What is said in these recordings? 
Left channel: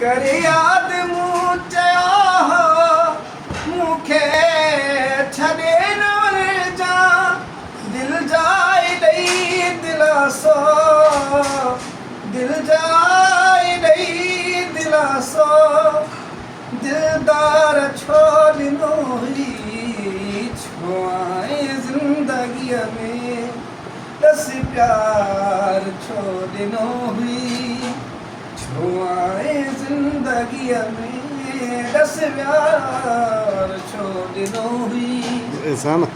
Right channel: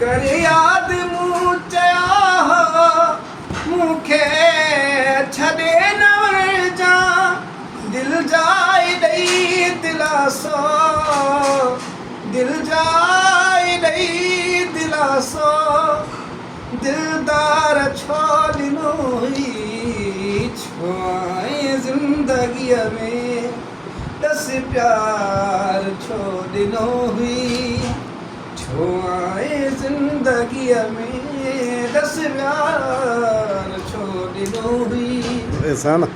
करे याद मूं चया मूंखे छॾे न वञजा दिल जाए ॾेई दिलासो दिल जाए ॾेई दिलासो दिलदार छो ॾिनो हुई छो आए ज़िंदगीअ में दस प्यार छो ॾिनो हुई छो आए ज़िंदगीअ में दस प्यार छो ॾिनो हुई ऐसा ना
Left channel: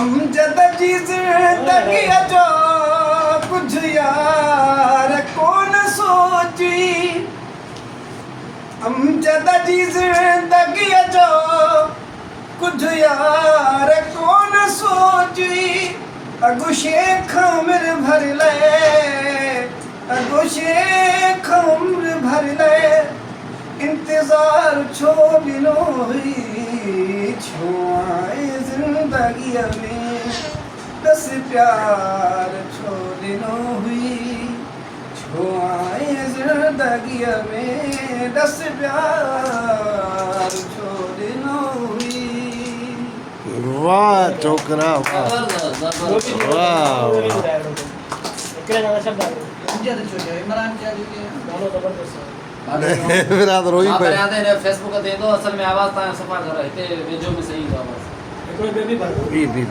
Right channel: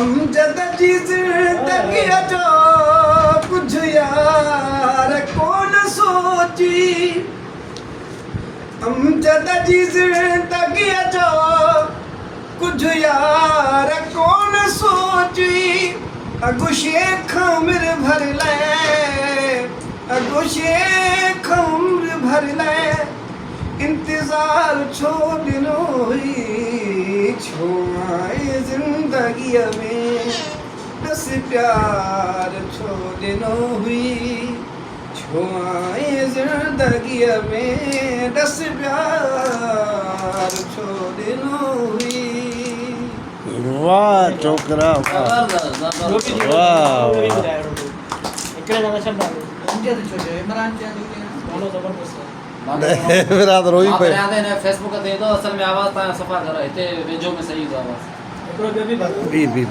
अमजद जी ज़िंदगीअ जो कुझु यार कोन सोची अमजद जी ज़िंदगीअ जो कुझु यार कोन सोची अगु शेख उमिरि भर लाइ अगु शेख उमिरि भर लाइ इंतज़ार छो ॾिनो हुई छो आए ज़िंदगीअ में दस प्यार छो ॾिनो हुई छो आए ज़िंदगीअ में दस प्यार छो ॾिनो हुई वाह छोकरा वाह वाह मेरा तो रोई पे फेसबुक ते तो असल में आवाज ता सफा कर हिते वेझो में सही तो आवाज बी